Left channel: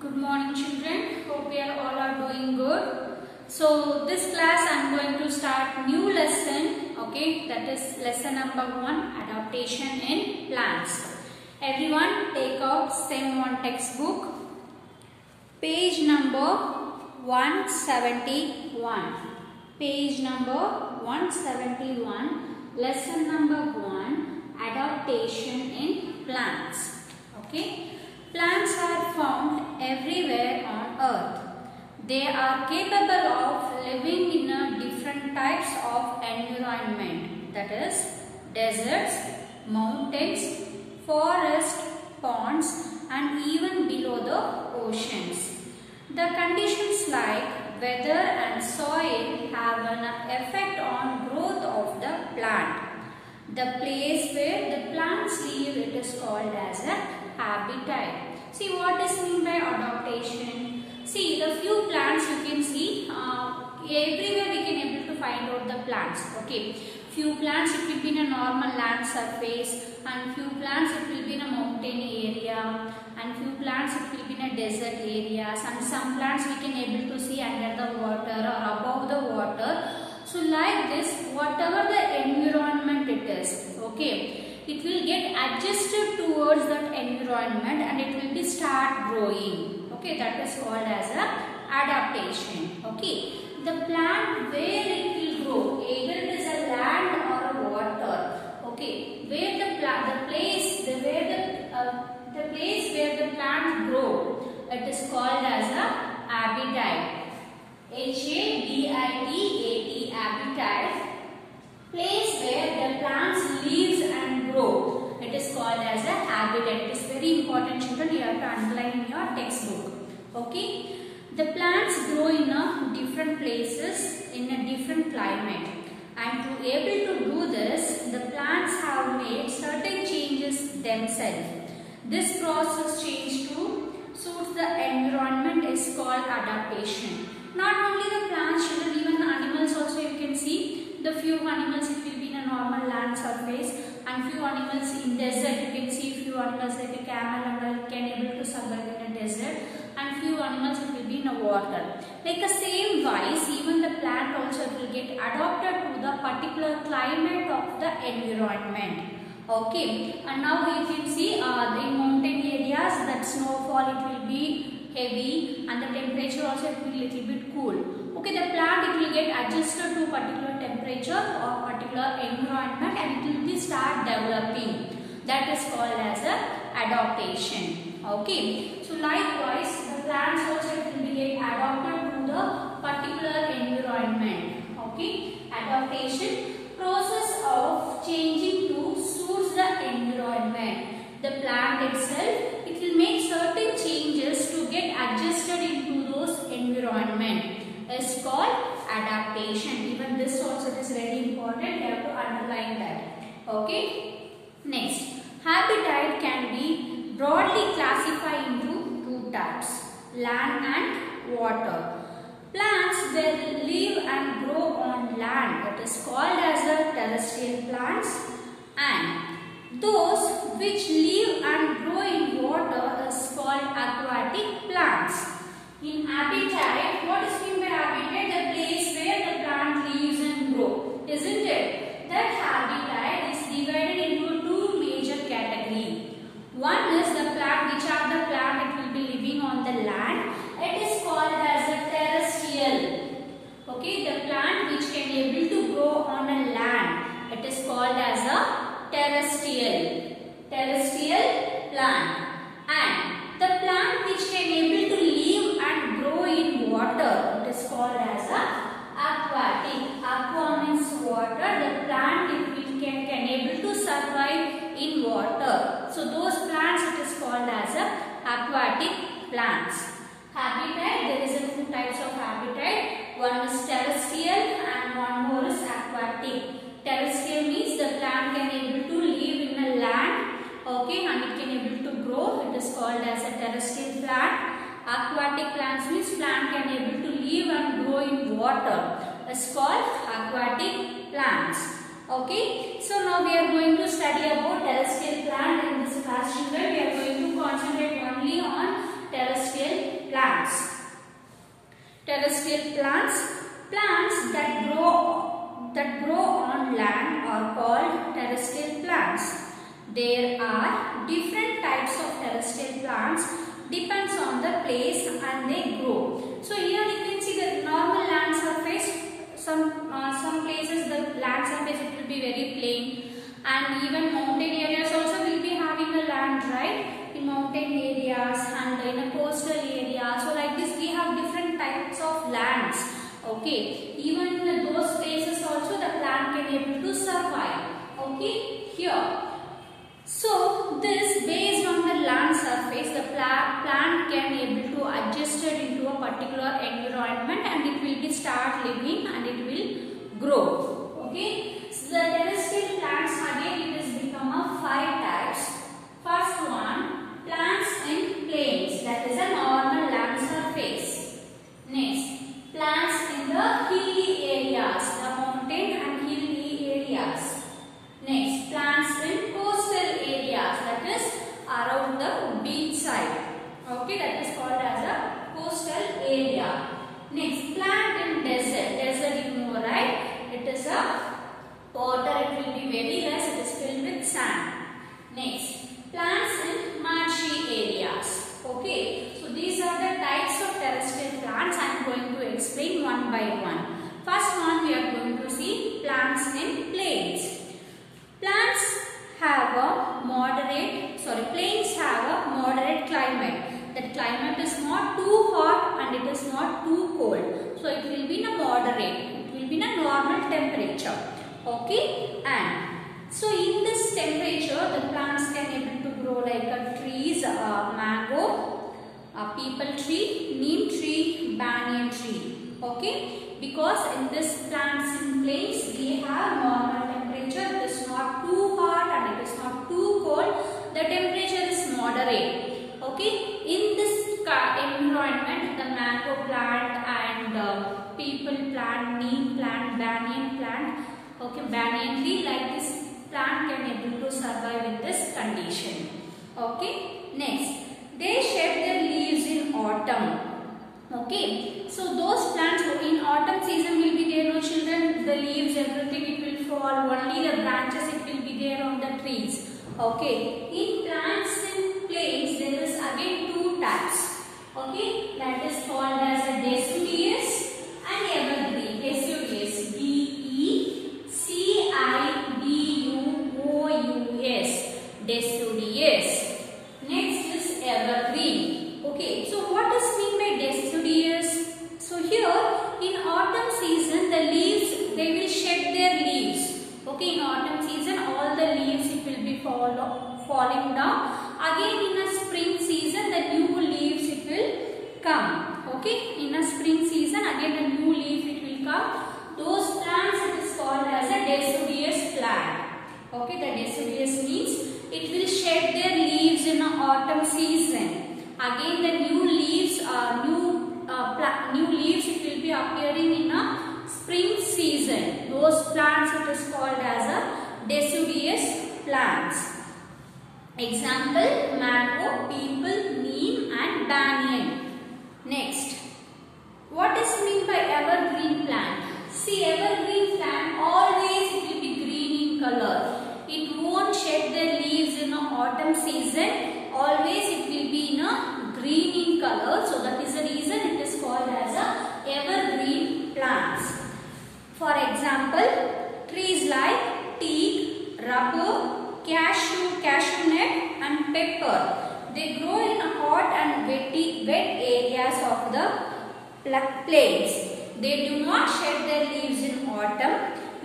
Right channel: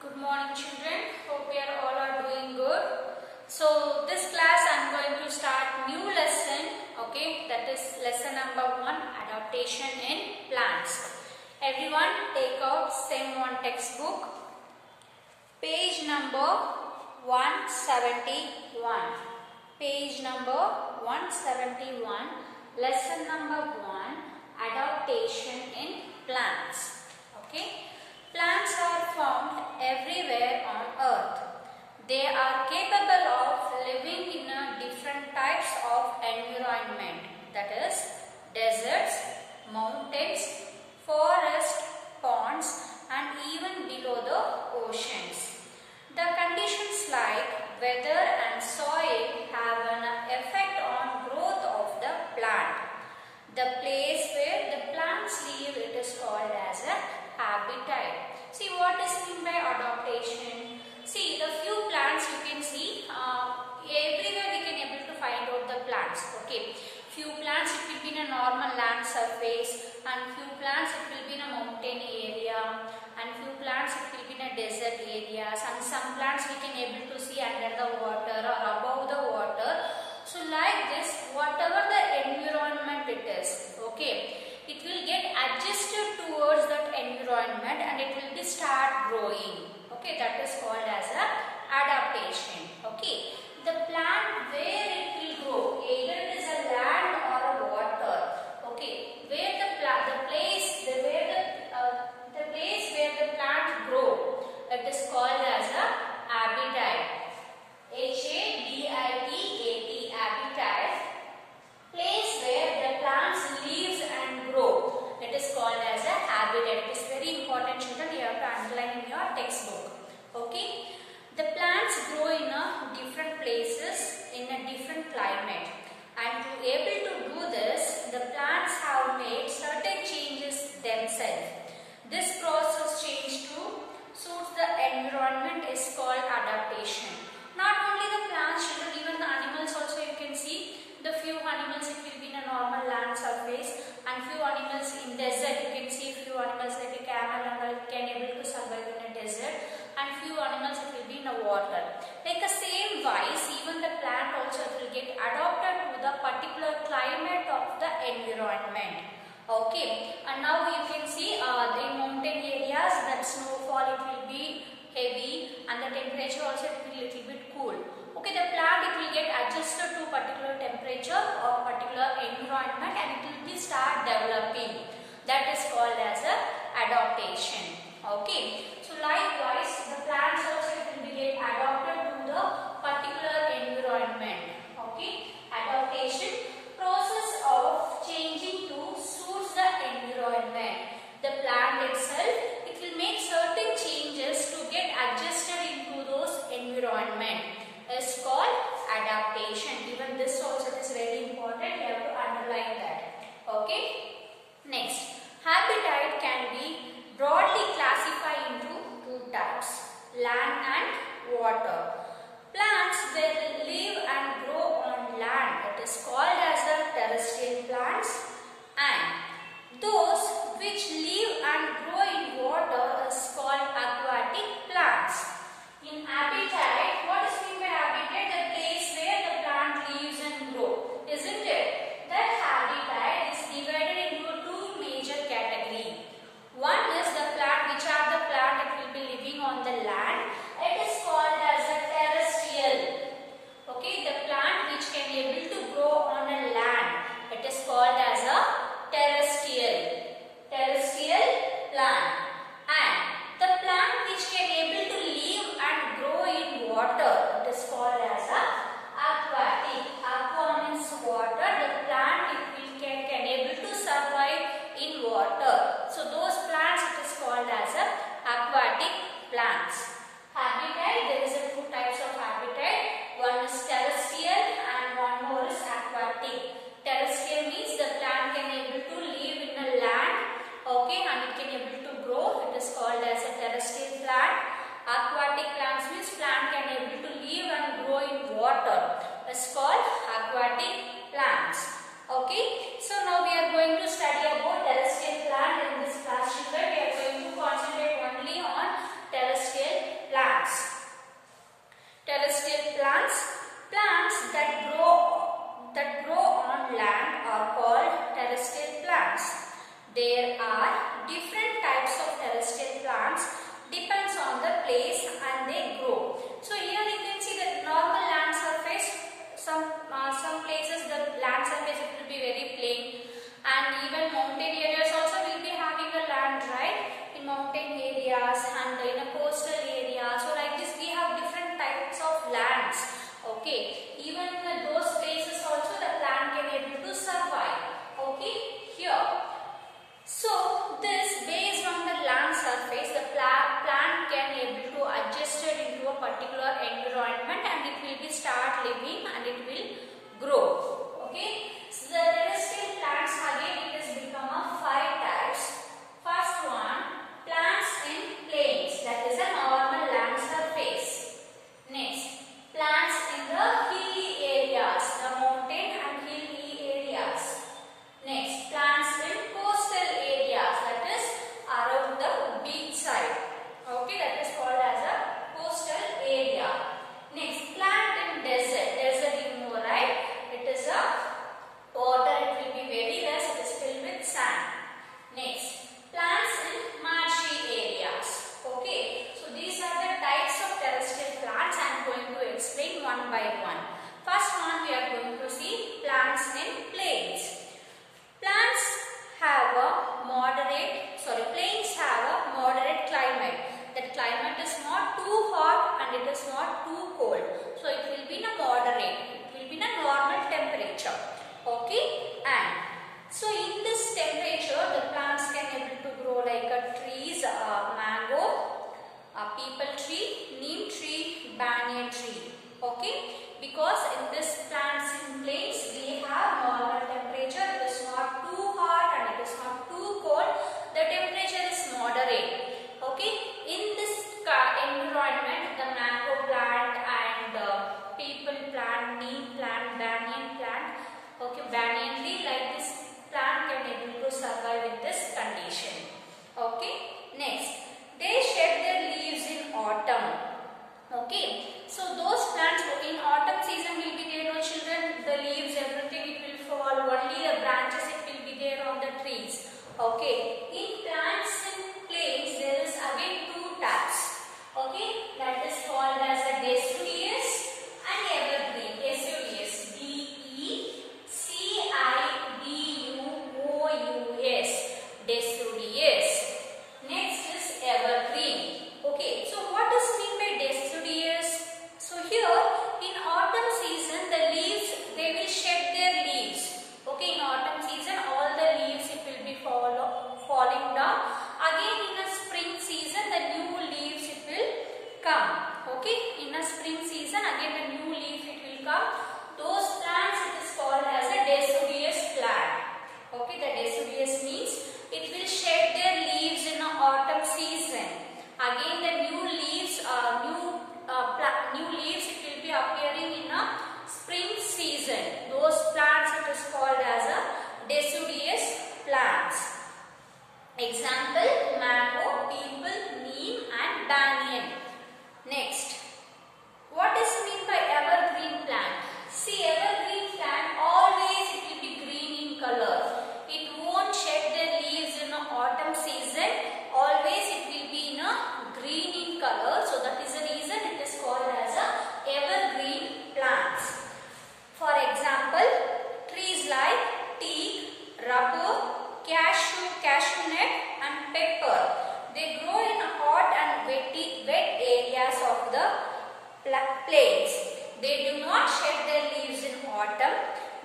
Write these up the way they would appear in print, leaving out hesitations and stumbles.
Good morning children. Hope you all are doing good. So this class I am going to start new lesson. Okay, that is lesson number 1, adaptation in plants. Everyone take out same one textbook. Page number 171. Page number 171. Lesson number 1, adaptation in plants. Okay. Plants are found everywhere on earth. They are capable of living in different types of environment, that is deserts, mountains, forests, ponds and even below the oceans. The conditions like weather and soil have an effect on growth of the plant. The place where the plants live, it is called as a habitat. See what is mean by adaptation. See the few plants you can see everywhere we can able to find out the plants. Okay, few plants it will be in a normal land surface, and few plants it will be in a mountain area, and few plants it will be in a desert areas, and some plants we can able to see under the water or above the water. So like this, whatever the environment it is, okay, it will get adjusted towards that environment and it will be start growing. Okay, that is called as a adaptation. Okay, the plant where it will grow, either it is a land or a water. Okay, where the place where the plant grow, it is called as a habitat. Habitat, habitat, place where the plants lives and grow. It is called as a habitat. It is very important, children. You have to underline in your textbook. Okay. The plants grow in different places in a different climate. And to able to do this, the plants have made certain changes themselves. This process change to suit the environment is called adaptation. Not only the plants, children, even the animals also you can see. The few animals it will be in a normal land surface, and few animals in desert. You can see few animals like a camel animal can able to survive in a desert, and few animals it will be in a water. Like the same wise, even the plant also will get adapted to the particular climate of the environment. Okay, and now you can see the mountain areas, that snowfall it will be heavy and the temperature also it will be little bit cool. Okay, the plant it will get adjusted to particular temperature or particular environment and it will be start developing. That is called as a adaptation. Okay, so likewise the plants also it will be get adapted to the particular environment. Okay, adaptation, process of changing to suit the environment. The plant itself it will make certain changes to get adjusted into those environment. Is called adaptation. Even this also is very important. You have to underline that. Okay. Next, habitat can be broadly classified into two types: land and water. Plants that live and grow on land, that is called as the terrestrial plants, and those which live and grow in water is called aquatic plants. In habitat, what is meant by habitat? The place where the plant lives and grow, isn't it? That habitat is divided into two major categories. One is the plant, which are the plant it will be living on the land. It is called as a terrestrial. Okay, the plant which can be able to grow on a land, it is called as a terrestrial plant. And the plant which can able to live and grow in water, it is called as a aquatic. Aqua means water. The plant it can able to survive in water. So those plants it is called as a aquatic plants. Habitat, there is two types of habitat. One is terrestrial and one more is aquatic. Terrestrial means the plant can able to live in a land. Okay, and it can able to grow. It is called as a terrestrial plant. Aquatic plants means plant can able to live and grow in water. It's called aquatic plants. Okay, so now we are going to study about terrestrial plant in this class. Children, we are going to concentrate only on terrestrial terrestrial plants. Plants that grow on land are called terrestrial plants. There are different types of terrestrial plants, depends on the place and they grow. So here you can see the normal land surface. Some places the land surface it will be very plain, and even mountain areas also will be having a land, right? In mountain areas and in a coastal area. So like this we have different types of lands. Okay, even in those places also the plant can able to survive. Okay, here. So this based on the land surface, the plant can able to adjust it into a particular environment and it will be start living and it will grow. Okay, so the terrestrial plants again it has become a 5 types. First one, plants in plains, that is a normal land surface. Next, plants in the hilly areas, the mountain and hilly areas. Next, plants in coastal areas, that is around the beach side. Okay, that is called as a coastal area. Next, plant in desert. Desert you know, right? It is a water, it will be very less, it is filled with sand. Next, plants in marshy areas. Okay, so these are the types of terrestrial plants I am going to explain one by one. First one we are going to see plants in plains. Plains have a moderate climate. That climate is not too hot and it is not too cold. So it will be in a moderate. It will be in a normal temperature. Okay, and so in this temperature the plants can able to grow like a trees, mango, a peepal tree, neem tree, banyan tree. Okay, because in this plants in plains we have normal temperature. It is not too hot and it is not too cold. The temperature is moderate. Okay, in this environment the mango plant and peepal plant, neem plant, banyan plant, okay, banyan tree, like this plant can able to survive in this condition. Okay, next, they shed their leaves in autumn. Okay, so those plants in autumn season will be there, no children, the leaves, everything it will fall, only the branches it will be there on the trees. Okay, in plants in plains there is again 2 types. Okay, that is called as a deciduous and evergreen. Deciduous, D-E-C-I-D-U-O-U-S, deciduous. Next is evergreen. Okay, so what does mean by deciduous? So here in autumn season the leaves, they will shed their leaves. Okay, in autumn season all the leaves it will be falling down. Again in a spring season the new leaves it will come. Okay, in a spring season again a new leaf it will come. Those plants it is called as a deciduous plant. Okay, the deciduous means it will shed their leaves in a autumn season. Again the new leaves it will be appearing in a spring season. Those plants it is called as a deciduous plants. Example, mango, peepal, neem and banyan. Next, what is mean by evergreen plant? See, evergreen plant always it will be green in color. It won't shed their leaves in autumn season. Always it will be in a green in color. So that is the reason it is called as a evergreen plants. For example, trees like teak, rubber, cashew nut and pepper. They grow in hot and wet areas of the plains. They do not shed their leaves in autumn.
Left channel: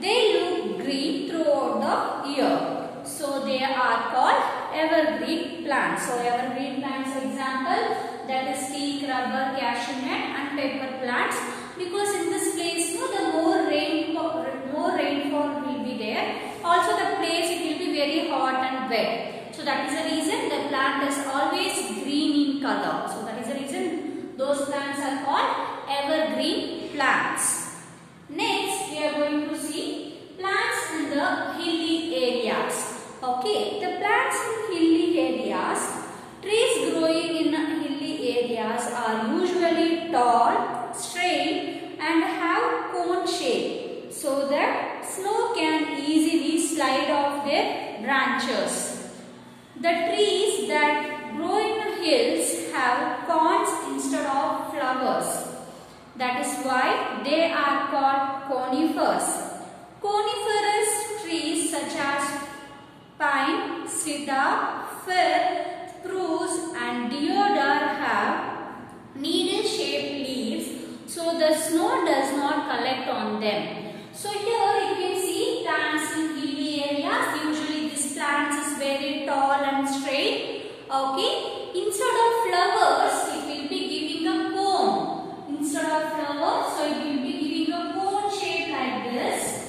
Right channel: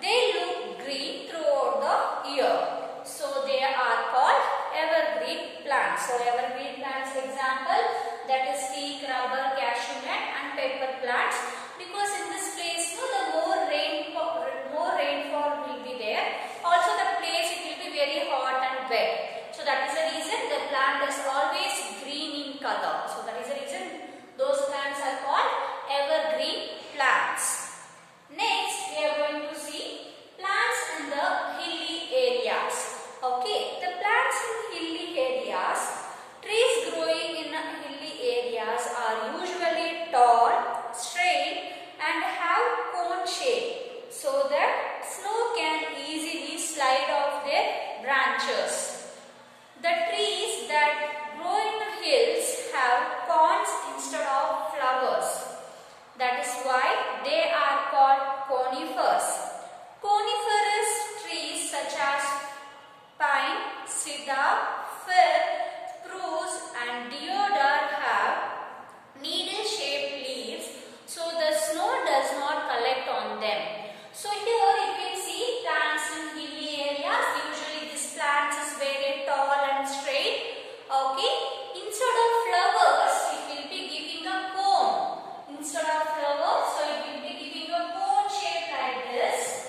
They look green throughout the year. So they are called evergreen plants. So evergreen plants example, that is teak, rubber, cashew nut and pepper plants. Because in this place, the more rainfall will be there. Also the place it will be very hot and wet. So that is the reason the plant is always green in color. So that is the reason those plants are called evergreen plants. Next we are going to see plants in the hilly areas. Okay, the plants in hilly areas, trees growing in hilly areas are usually tall, straight and have cone shape so that snow can easily slide off their branches. The trees that grow in hills have cones instead of flowers. That is why they are called conifers. Coniferous trees such as pine, cedar, fir, spruce and deodar have needle-shaped leaves so the snow does not collect on them. So here you can see plants in hilly areas. Usually this plant is very tall and straight. Okay. Instead of flowers, it will be giving a cone. Instead of flowers, so it will be giving a cone shape like this.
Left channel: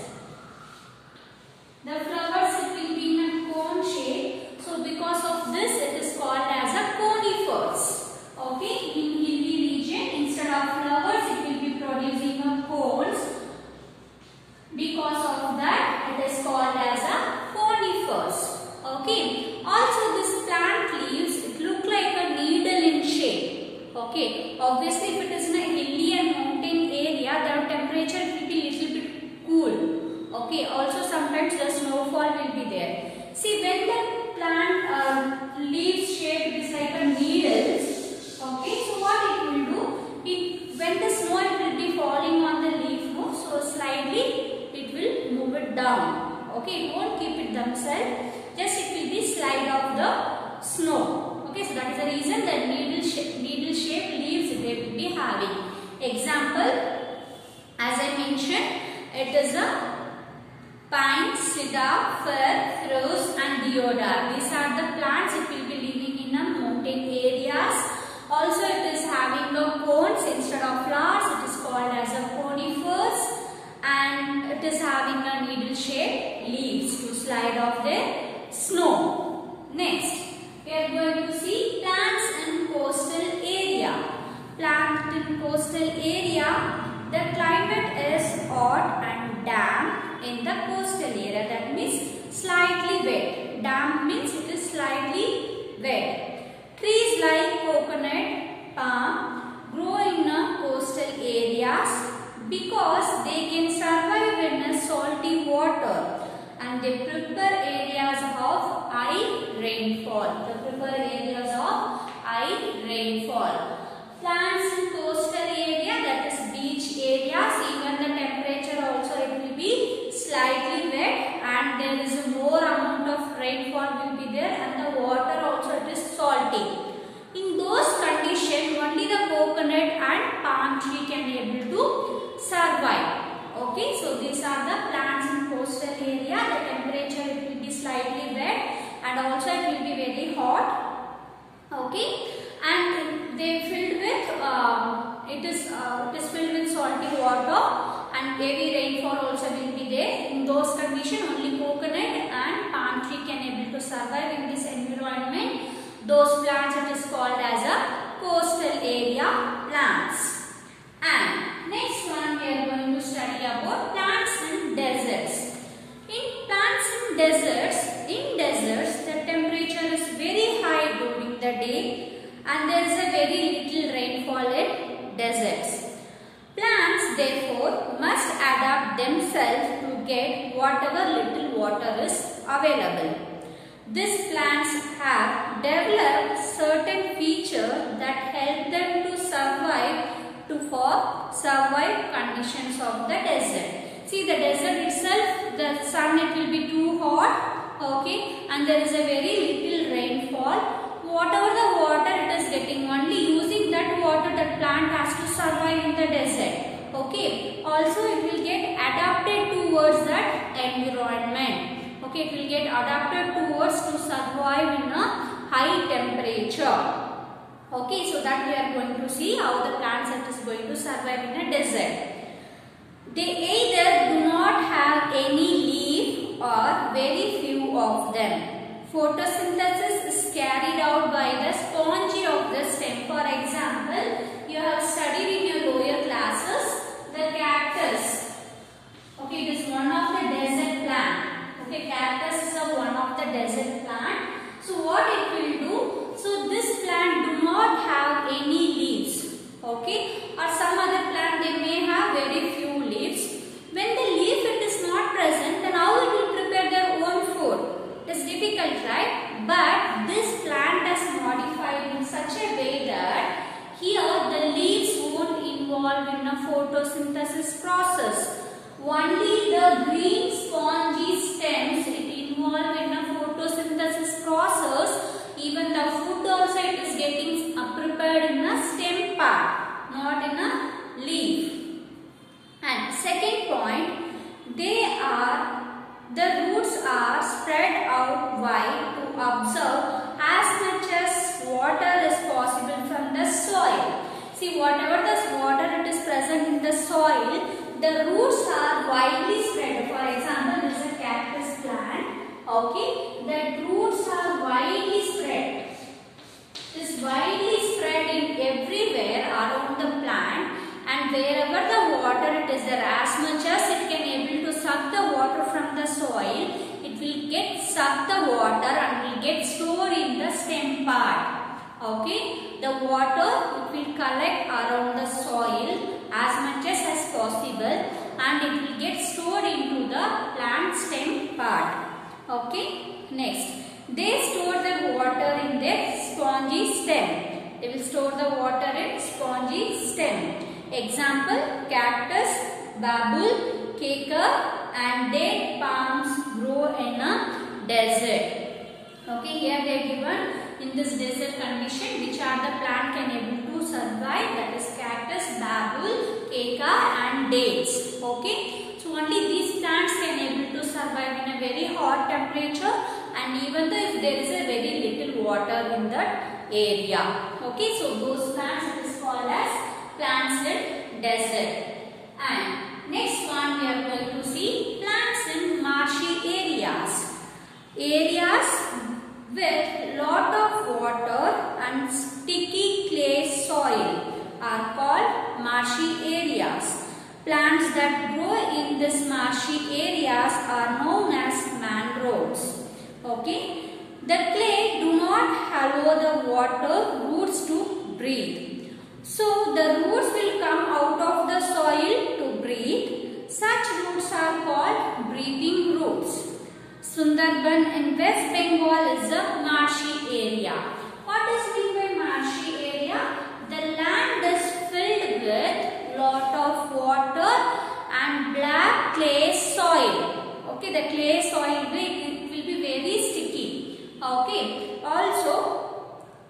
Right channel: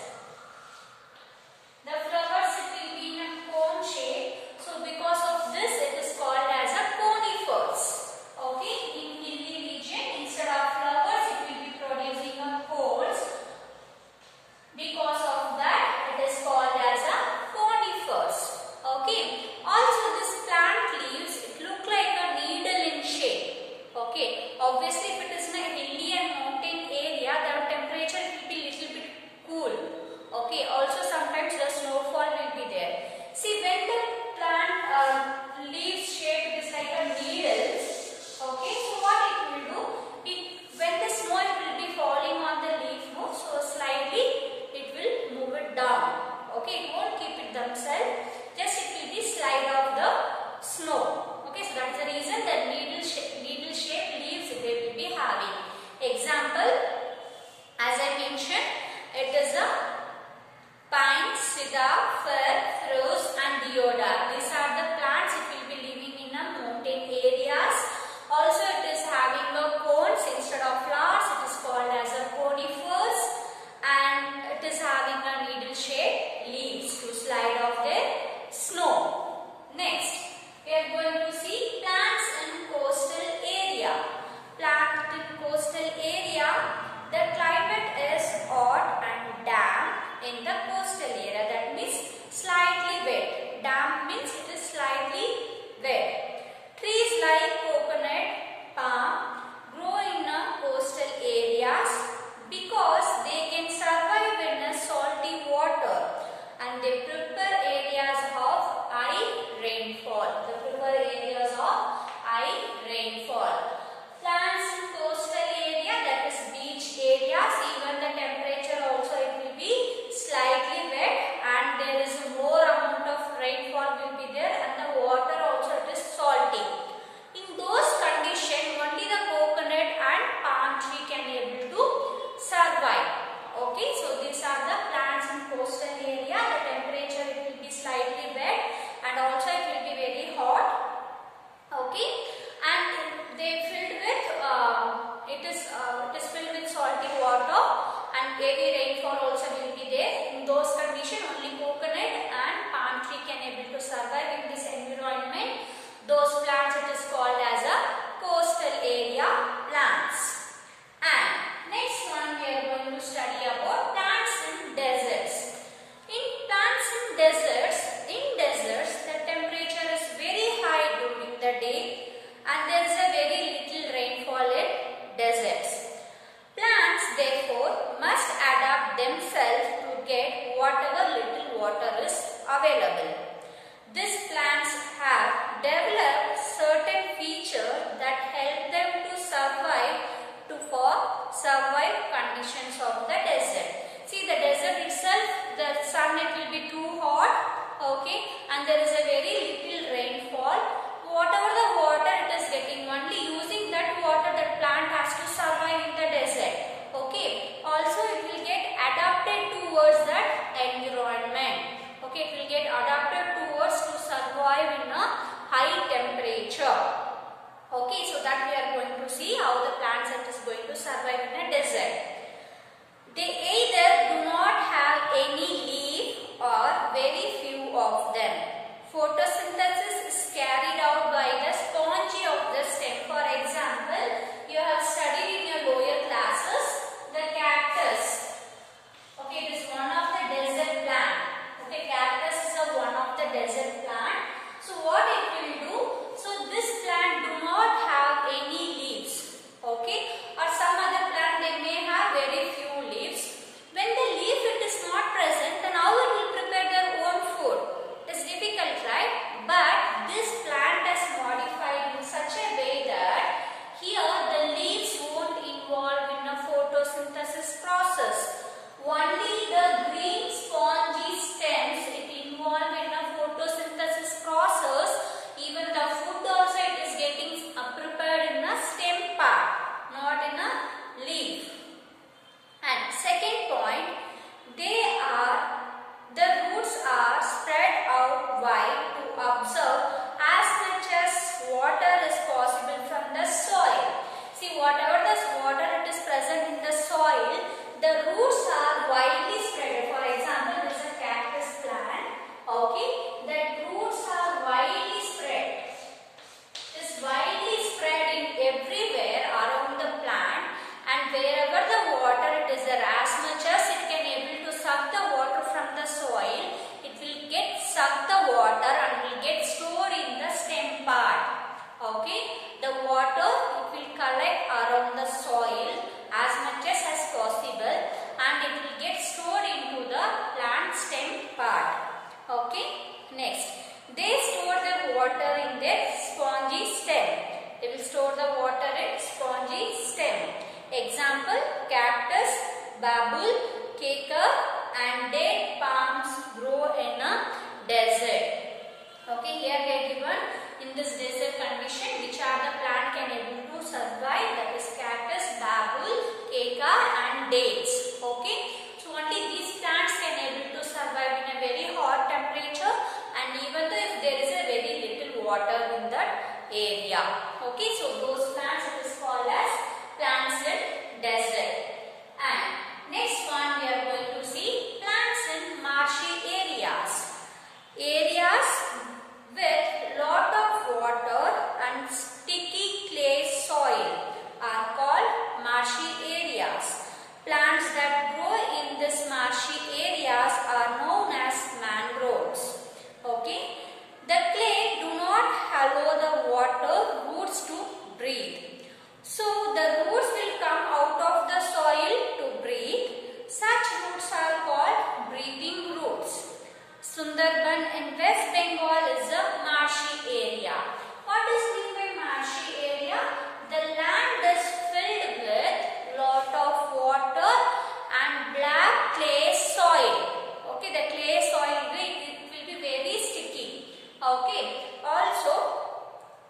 The flowers it will be in a cone shape. So because of this it is called as a conifers. Okay. In hilly region instead of flowers it will be producing a cones. Because of that it is called as a conifers. Okay. Also this plant leaves it look like a needle in shape. Okay. Obviously if it is in a hilly and mountain area the temperature will be little bit cool. Okay, also sometimes the snowfall will be there. See when the plant leaves shape is like a needles. Okay, so what it will do? When the snow will be falling on the leaf, no, so slightly it will move it down. Okay, it won't keep it themselves. Just it will be slide off the snow. Okay, so that is the reason that needle shape leaves they will be having. Example, as I mentioned, it is a pine, cedar, fir, spruce and deodar. These are the plants it will be living in a mountain areas. Also it is having a cones instead of flowers. It is called as a conifers and it is having a needle shaped leaves to slide off the snow. Next, we are going to see plants in coastal area. Plant in coastal area, the climate is hot and damp in the coastal area. That means slightly wet. Damp means it is slightly wet. Trees like coconut, palm grow in coastal areas because they can survive in a salty water and they prefer areas of high rainfall. They prefer areas of high rainfall. Plants in coastal area, that is beach areas, even the temperature also it will be slightly wet and there is more amount of rainfall will be there and the water also it is salty. In those conditions only the coconut and palm tree can able to survive. Okay, so these are the plants in coastal area. The temperature it will be slightly wet and also it will be very hot. Okay, and they filled with it is filled with salty water and heavy rainfall also will be there. In those conditions only coconut and palm tree can able to survive in this environment. Those plants it is called as a coastal area plants. And next one we are going to study about plants in deserts. In plants in deserts the temperature is very high during the day and there is a very little rainfall in deserts. Plants therefore must adapt themselves to get whatever little water is available. These plants have developed certain features that help them to survive conditions of the desert. See the desert itself, the sun it will be too hot, okay, and there is a very little rainfall. Whatever the water it is getting, only using that water that plant has to survive in the desert. Okay, also it will get adapted towards that environment. Okay, it will get adapted towards to survive in a high temperature. Okay, so that we are going to see how the plants it is going to survive in a desert. They either do not have any leaf or very few of them. Photosynthesis is carried out by the spongy of the stem. For example, you have studied in your lower classes the cactus. Okay, it is one of the desert plant. Okay, cactus is one of the desert plant. So what it will do? So this plant do not have any leaves. okay, or some other plant they may have very few leaves. When the leaf it is not present, then how it will prepare their own food? It is difficult, right? But this plant is modified in such a way that here the leaves won't involve in a photosynthesis process. Only the green spongy stems it involve in a photosynthesis process. Even the food also it is getting prepared in a stem part, not in a leaf. And second point, the roots are spread out wide to absorb as much as water is possible from the soil. See, whatever the water it is present in the soil, the roots are widely spread. For example, this is a cactus plant. Okay, the roots are widely spread. It is widely spread in everywhere around the plant, and wherever the water it is there, as much as it can able to suck the water from the soil, it will get suck the water and will get stored in the stem part. Okay, the water it will collect around the soil as much as possible, and it will get stored into the plant stem part. Okay, next, they store the water in their spongy stem. They will store the water in spongy stem. Example, cactus, babul, kekar and date palms grow in a desert. Okay, here they are given in this desert condition which are the plant can able to survive, that is cactus, babul, kekar and dates. Okay, so only these plants can able to survive in a very hot temperature, and even though if there is a very little water in that area. Okay, so those plants it is called as plants in desert. And next one we are going to see plants in marshy areas. Areas with lot of water and sticky clay soil are called marshy areas. Plants that grow in this marshy areas are known as mangroves. Okay, the clay do not allow the water roots to breathe. So the roots will come out of the soil to breathe. Such roots are called breathing roots. Sundarban in West Bengal is a marshy area. What is mean by marshy area? The land is filled with lot of water and black clay soil. Okay, the clay soil it will be very sticky. Okay, also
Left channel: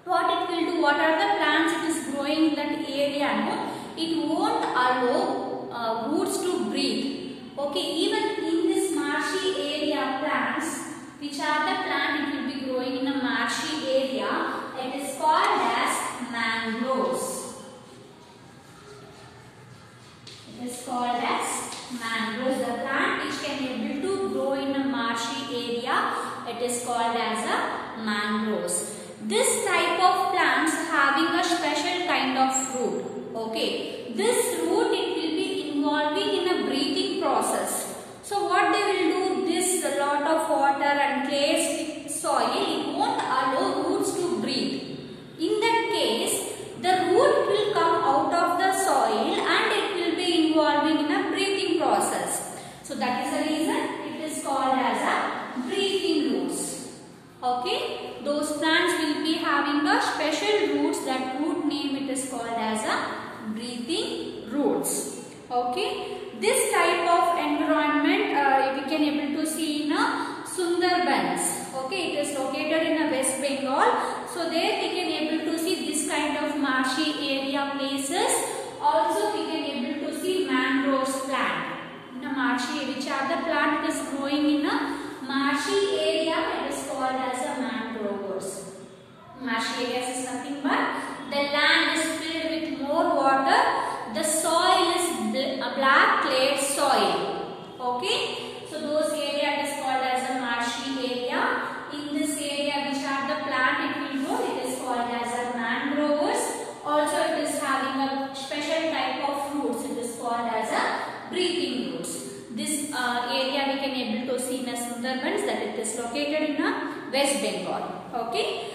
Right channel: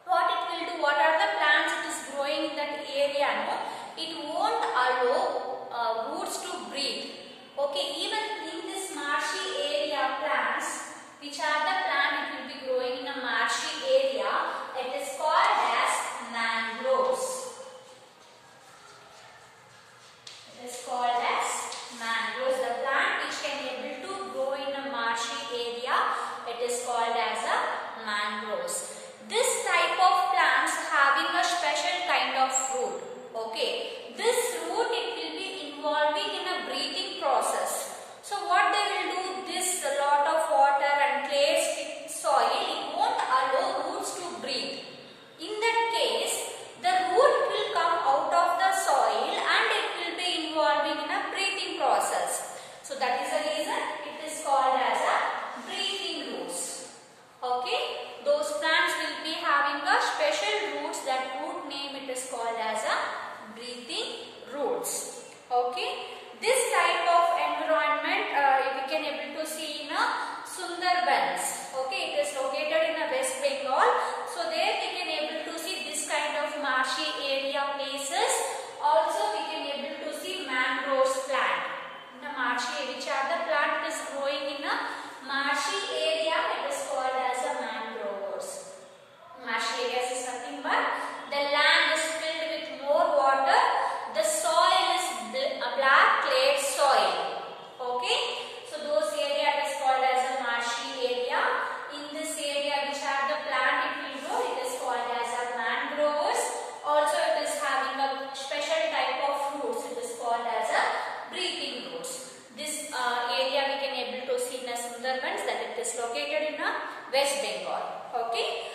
what it will do, what are the plants it is growing in that area, no? It won't allow roots to breathe. Okay, even in this marshy area plants, which are the plant it will be growing in a marshy area, it is called as mangroves. It is called as mangroves. The plant which can able to grow in a marshy area, it is called as a mangroves. This type of plants having a special kind of root. Okay, this root it will be involving in a breathing process. So what they will do, this a lot of water and clay soil, it won't allow roots to breathe. In that case, the root will come out of the soil and it will be involving in a breathing process. So that is the reason it is called as a breathing roots. Okay, those plants will be having a special roots. That root name it is called as a breathing roots. Okay, this type of environment we can able to see in a Sundarbans. Okay, it is located in a West Bengal. So there we can able to see this kind of marshy area places. Also we can able to see mangroves plant in a marshy, which are the plant is growing in a marshy area. It is called as a mangroves. Marshy areas is nothing but the land is filled with more water. The soil is a black clay soil. Okay, so those areas is called as a marshy area. In this area, which are the plant it will grow, it is called as a mangroves. Also, it is having a special type of roots. It is called as a breathing roots. This area we can able to see in a Sundarbans, that it is located in a West Bengal. Okay.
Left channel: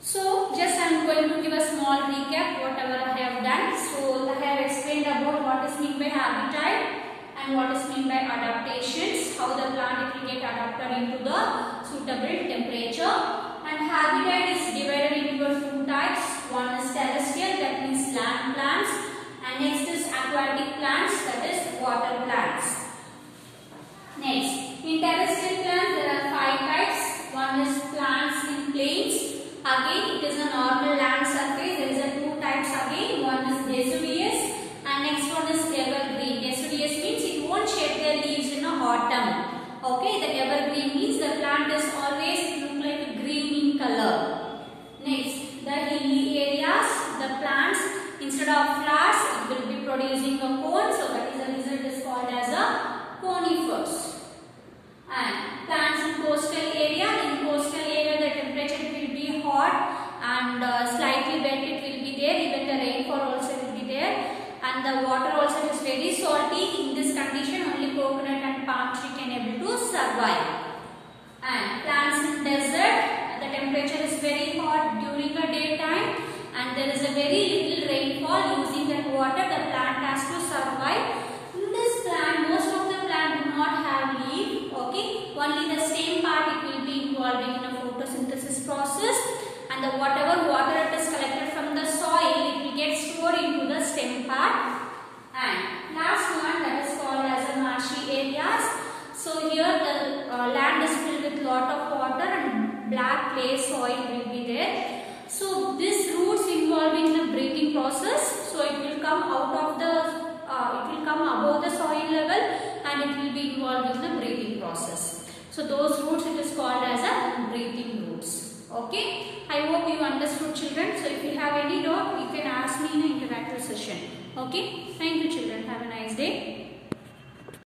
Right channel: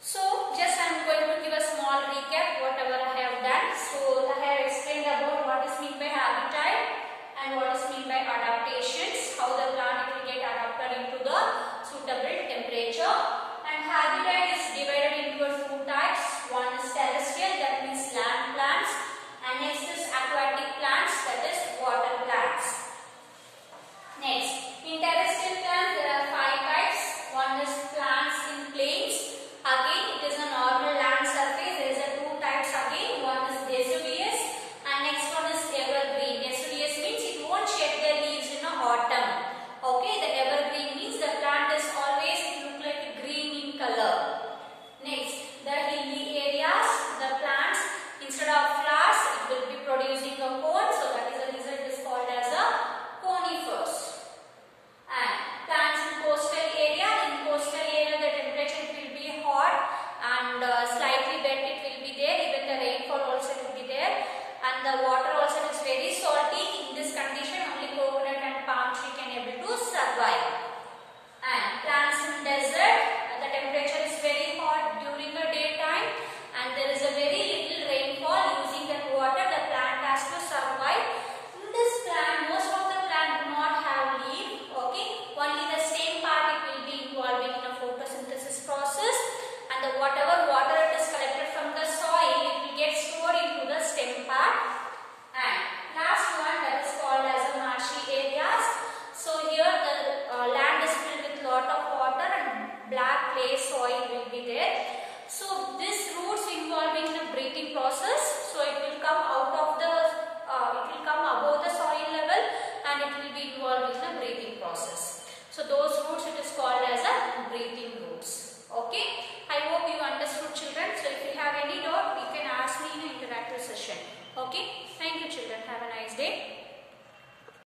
So just I am going to give a small recap whatever I have done. So I have explained about what is meant by habitat and what is meant by adaptations, how the plant will get adapted into the suitable temperature. And habitat is divided into two types. One is terrestrial, that means land plants, and next is aquatic plants, that is water plants. Next, in terrestrial plants there are 5 types. One is plants in plains. Again, it is a normal land surface. There is a 2 types again. One is deciduous and next one is evergreen. Deciduous means it won't shed their leaves in autumn. Okay, the evergreen means the plant is always look like green in color. Next, the hilly areas, the plants instead of flowers it will be producing a cone. So that is the reason it is called as a conifers. And plants in coastal area. In coastal area the temperature will be hot and slightly wet it will be there. Even the rainfall also will be there. And the water also is very salty. In this condition only coconut and palm tree can able to survive. And plants in desert, the temperature is very hot during the daytime and there is a very little rainfall. Using that water the plant has to survive. In this plant, most of the plant do not have leaf. Okay, only the same part it will be involving in a photosynthesis process, and the whatever water it is collected from the soil it will get stored into the stem part. And last one, that is called as a marshy areas. So here the land is filled with lot of water and black clay soil will be there. So this roots involving the breathing process, so it will come out of the it will come above the soil level and it will be involved in the breathing process. So those roots it is called as a breathing roots. Okay, I hope you understood, children. So if you have any doubt you can ask me in an interactive session. Okay, thank you children, have a nice day.